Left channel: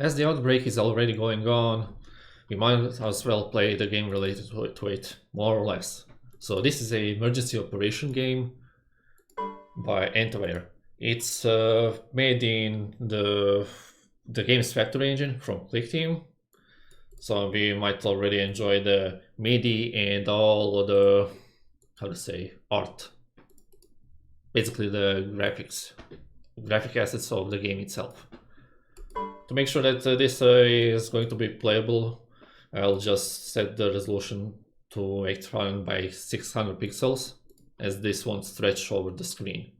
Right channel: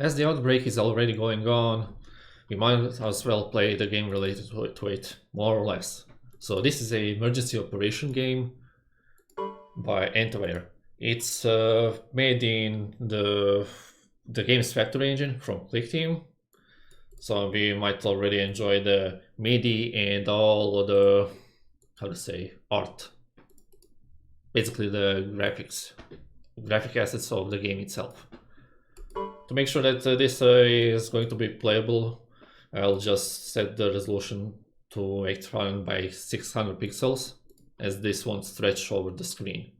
As the outbreak is already going on, we might as well play the game related to it, more or less. So this is a emergency operation game by ANTi-Ware. It's made in the game's factory engine from Click Team. So we might already enjoy the MIDI and all of the, how to say, art. Basically the graphic assets of the game itself. To make sure that this is going to be playable, I'll just set the resolution to 800 by 600 pixels, as this won't stretch over the screen.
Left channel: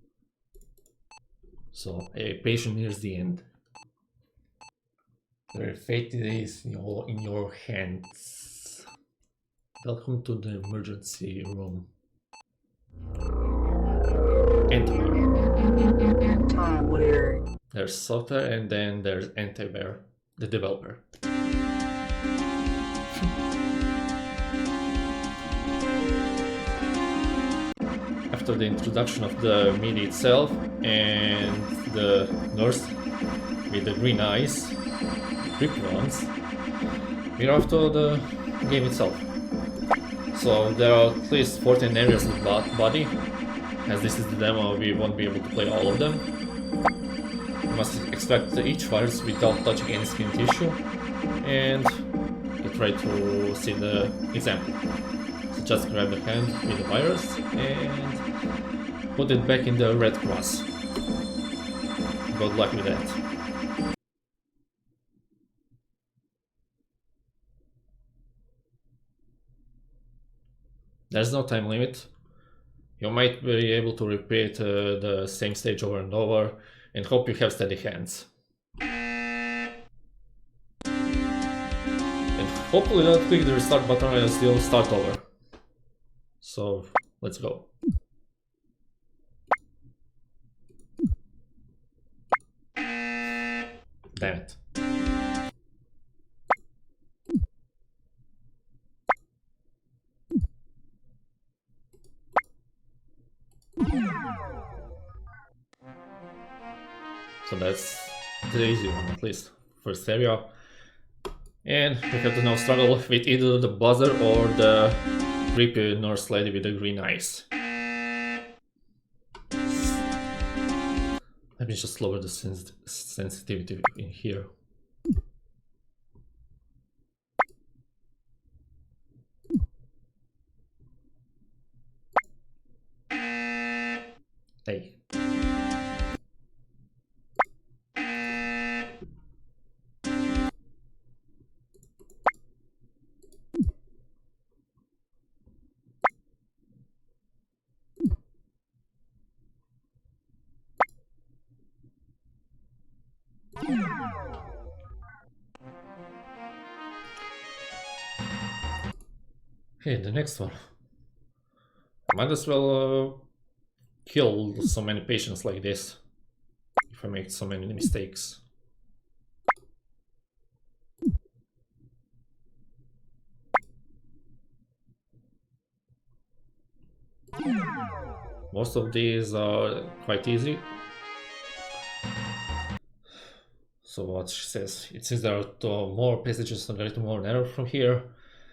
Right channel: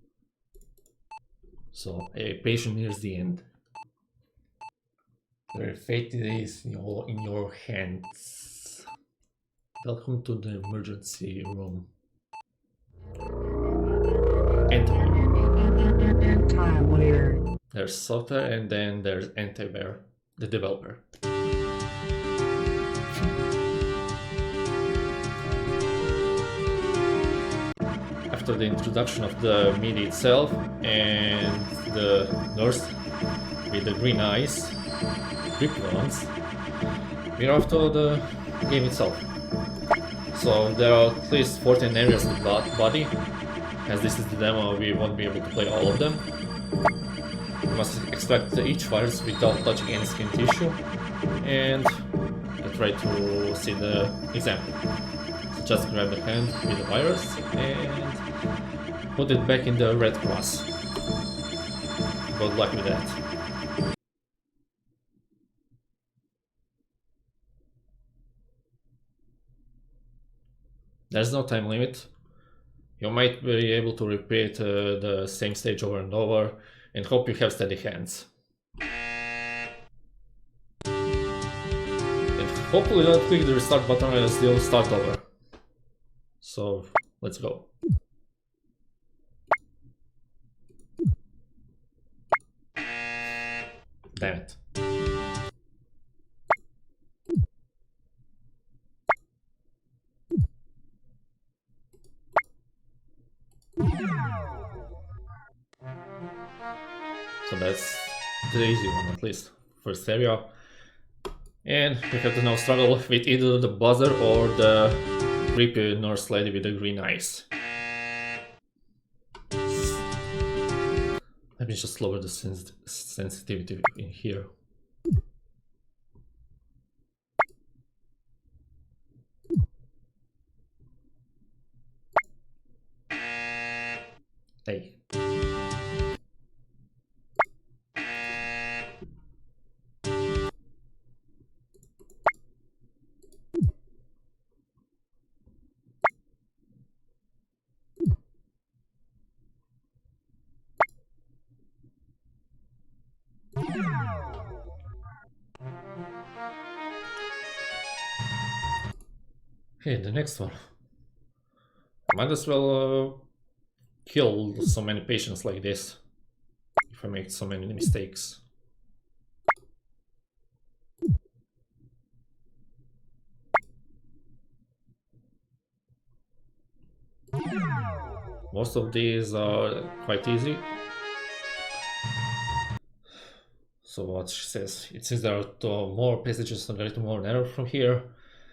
So a patient nears the end. Their fate is in your hands. Welcome to the emergency room. ANTi-Ware. There's software and then there's ANTi-Ware, the developer. After the introduction of the MIDI itself and the nurse with the green eyes, creepy ones, we're off to the game itself. So there are at least 14 areas of the body. As this is the demo, we won't be able to play all of them. You must extract each virus without touching any skin tissue, and get ready to see the example. So just grab the hand with the virus and put it back in the red cross. Good luck with that. There's no time limit. You might be able to repeat the same stage over and over and hope you have steady hands. And hopefully don't click the restart button and still start over. So let's go. Damn it. So that's the easy one, at least. First area. And we have to now struggle with either the buzzer or the creepy nurse lady with the green eyes. Let me just lower the sensitivity in here. Hey. Hey, the next one. I might as well kill so many patients like this if I make so many mistakes. Most of these are quite easy. So what she says, it seems there are more passages that are more narrow from here.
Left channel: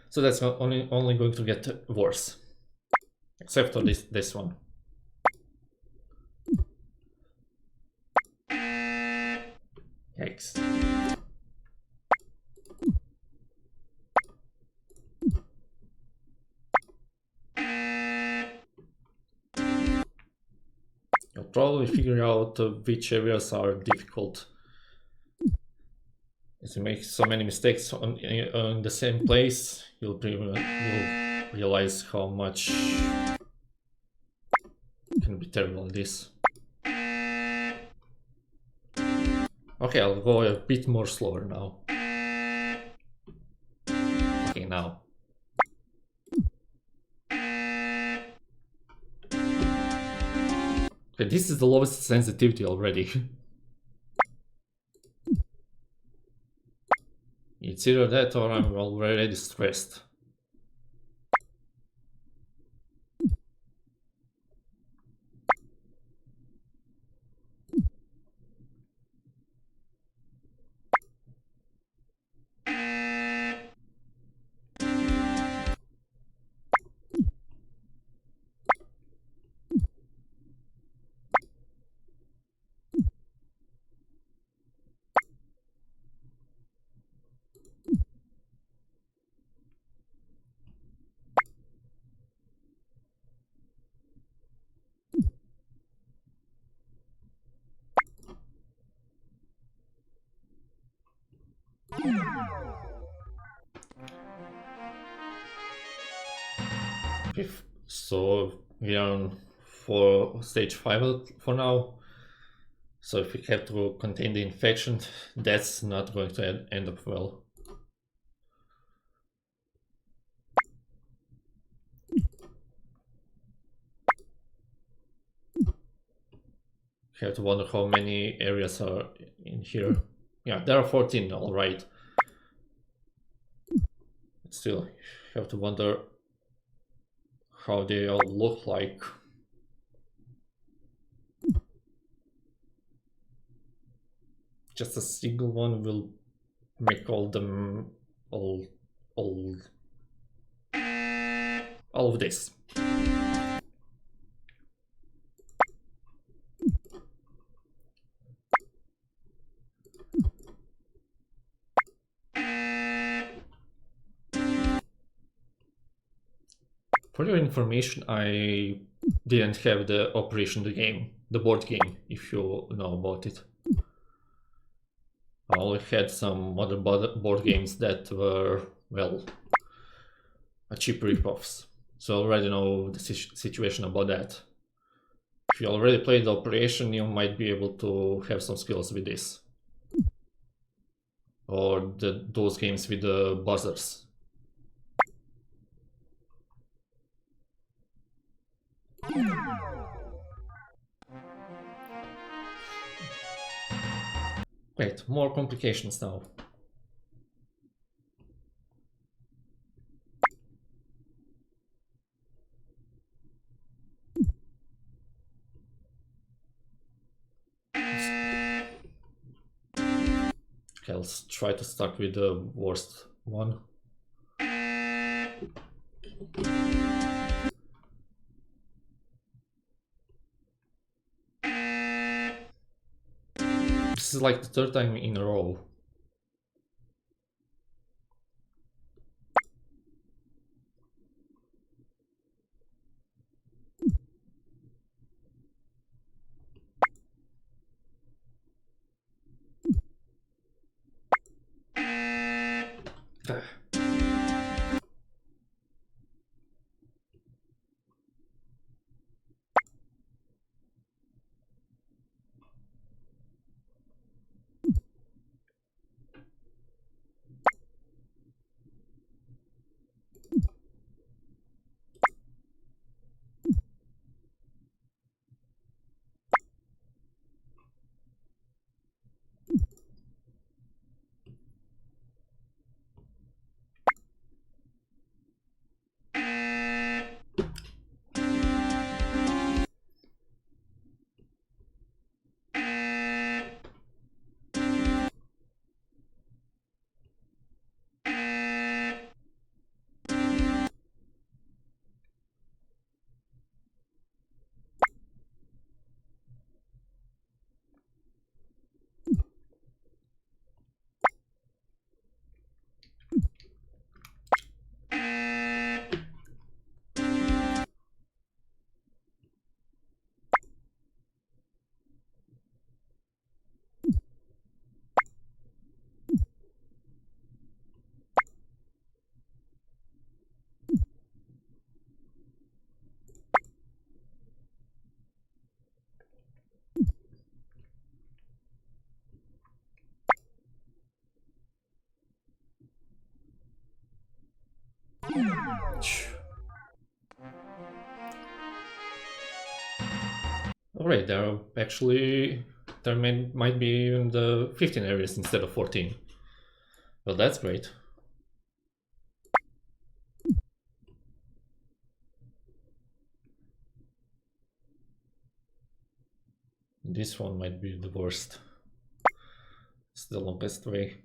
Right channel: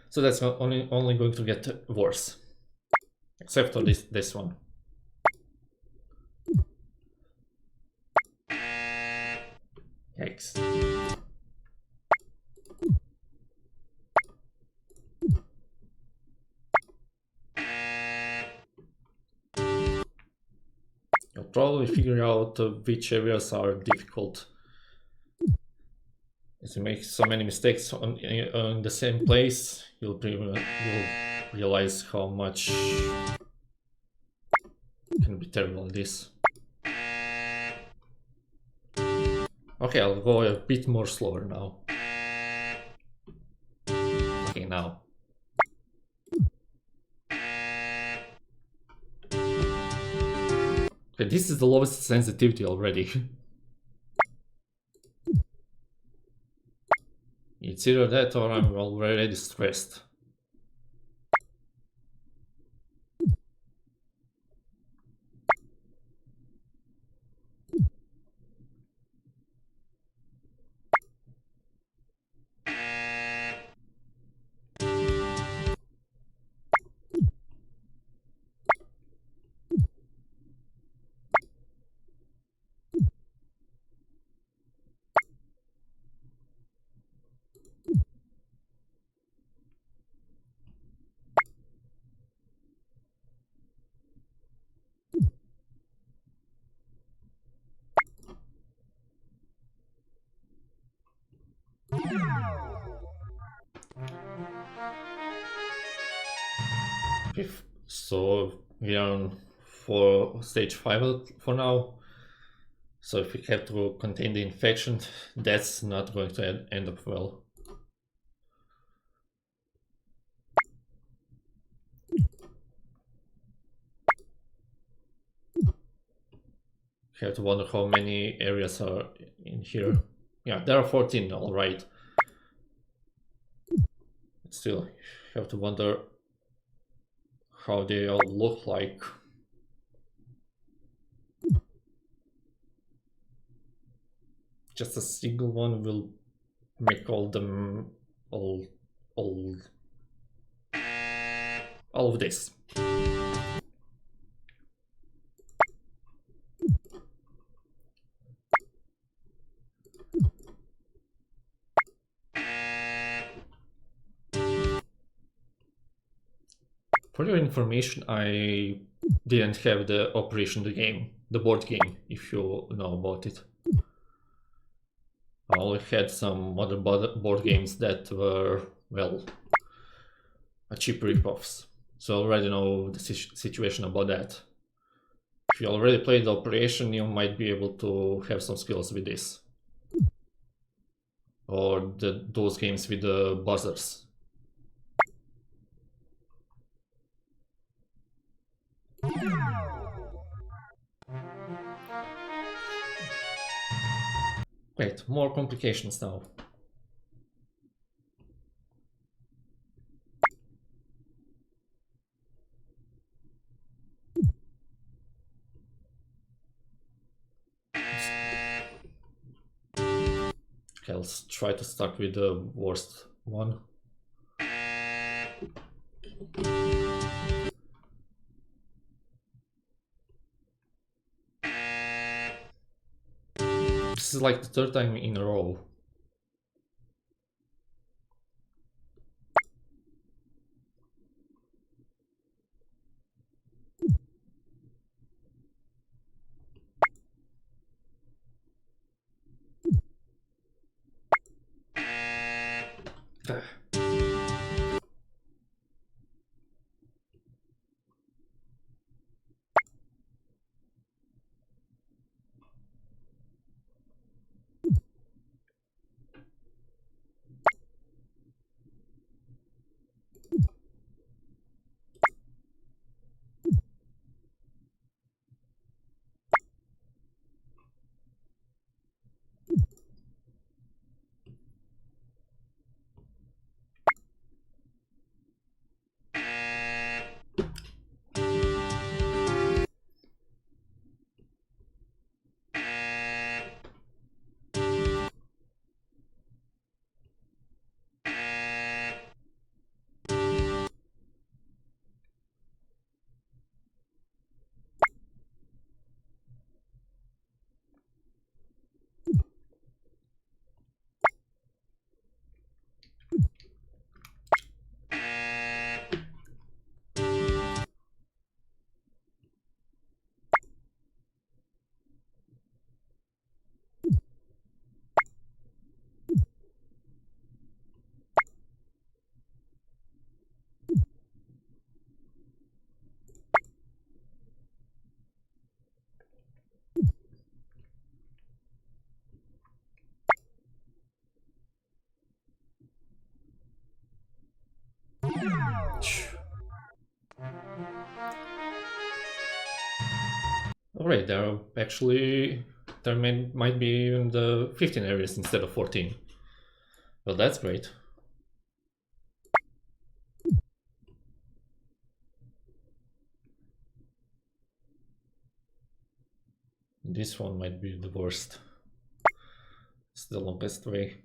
So that's only going to get worse. Except for this one. Yikes. You'll probably figure out which areas are difficult. If you make so many mistakes on the same place, you'll realize how much can be terrible in this. Okay, I'll go a bit more slower now. Okay, now. Okay, this is the lowest sensitivity already. It's either that or I'm already stressed. So we are on for stage 5 for now. So if we have to contain the infection, that's not going to end up well. You have to wonder how many areas are in here. Yeah, there are 14, all right. But still, you have to wonder how they all look like. Just a single one will make all them all all of this. For your information, I didn't have the Operation the game, the board game, if you know about it. I only had some other board games that were, well, cheap ripoffs. So I already know the situation about that. If you already played the Operation, you might be able to have some skills with this. Or those games with the buzzers. Wait, more complications now. Okay, let's try to start with the worst one. This is like the third time in a row. Ah. Alright, there might be even the 15 areas instead of 14. Well, that's great. This one might be the worst. It's the longest way.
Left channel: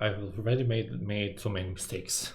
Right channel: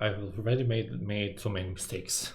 I've already made so many mistakes.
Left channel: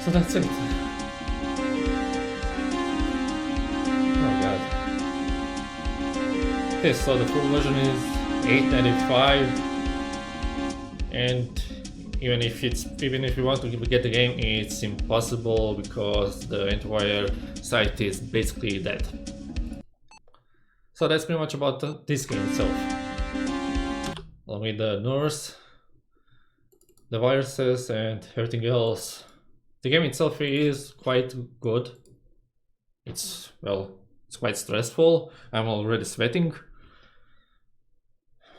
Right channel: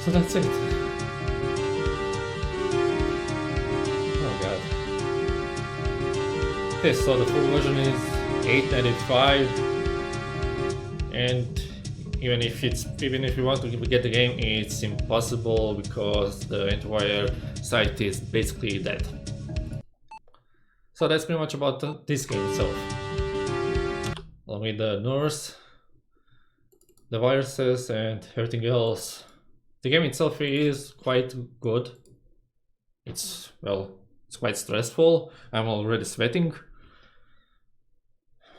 So that's it. Oh god. Okay, so the full version is $8.95, and even if you want to get the game, it's impossible because the ANTi-Ware site is basically dead. So that's pretty much about this game itself. Along with the nurse, the viruses, and everything else. The game itself is quite good. It's quite stressful. I'm already sweating.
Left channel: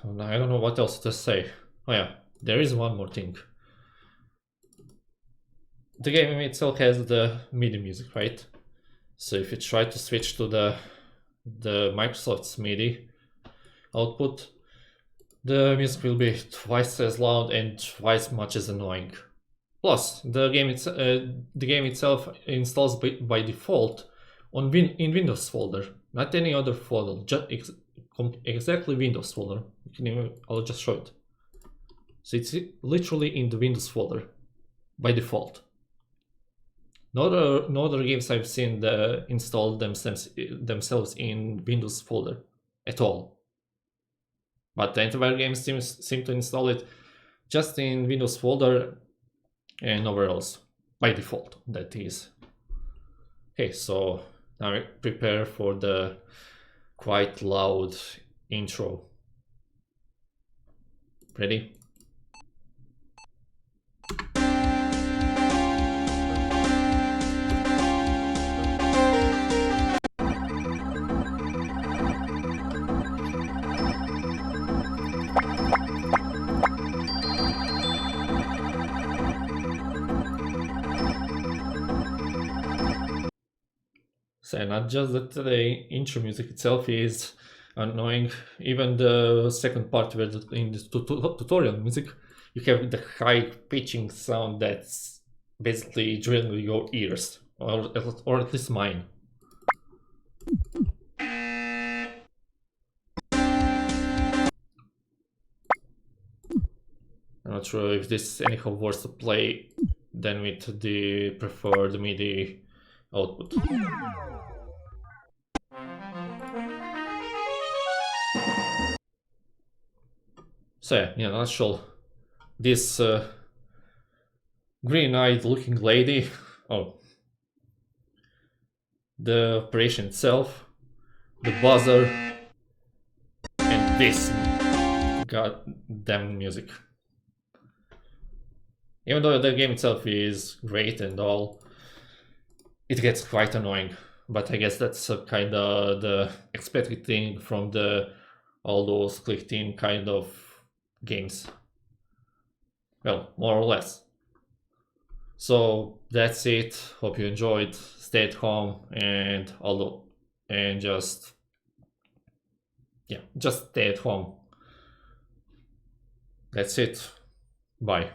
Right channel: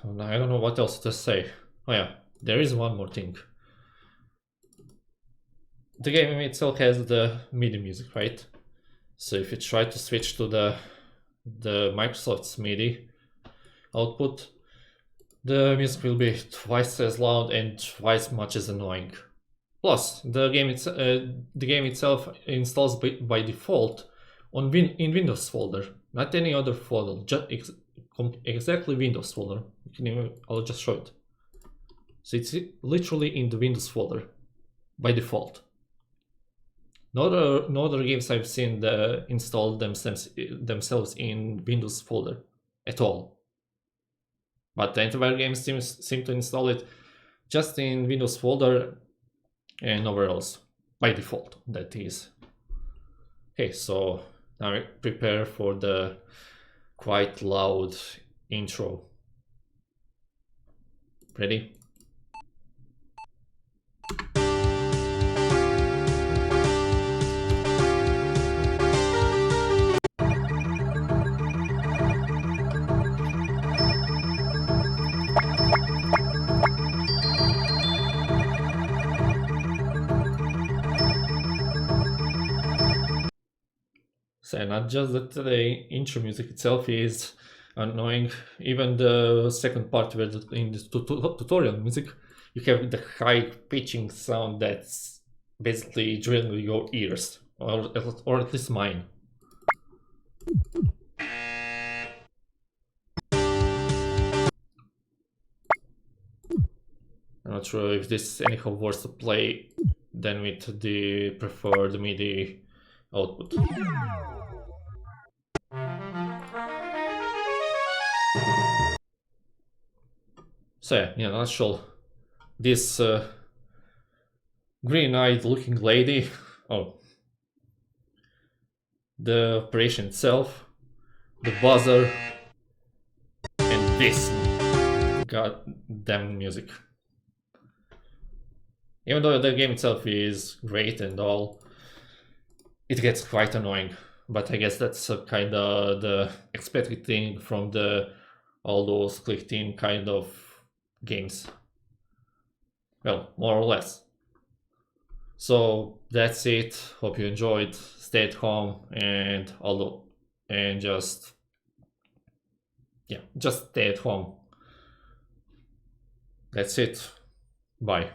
And I don't know what else to say. Oh yeah, there is one more thing. The game itself has the MIDI music, right? So if you try to switch to the Microsoft's MIDI output, the music will be twice as loud and twice much as annoying. Plus, the game itself installs by default in Windows folder, not any other folder, just exactly Windows folder. I'll just show it. So it's literally in the Windows folder by default. No other games I've seen install themselves in Windows folder at all. But the ANTi-Ware games seem to install it just in Windows folder and nowhere else, by default, that is. Okay, so now prepare for the quite loud intro. Ready? So not just that the intro music itself is annoying, even the second part where in the tutorial music you have the high pitching sound that's basically drilling your ears, or at least mine. I'm not sure if this is anyhow worse to play than with the preferred MIDI output. So yeah, in a nutshell, this green-eyed looking lady, the operation itself, the buzzer, and this goddamn music. Even though the game itself is great and all, it gets quite annoying but I guess that's kind of the expected thing from the all those click team kind of games. Well, more or less. So that's it. Hope you enjoyed. Stay at home and just just stay at home. That's it. Bye.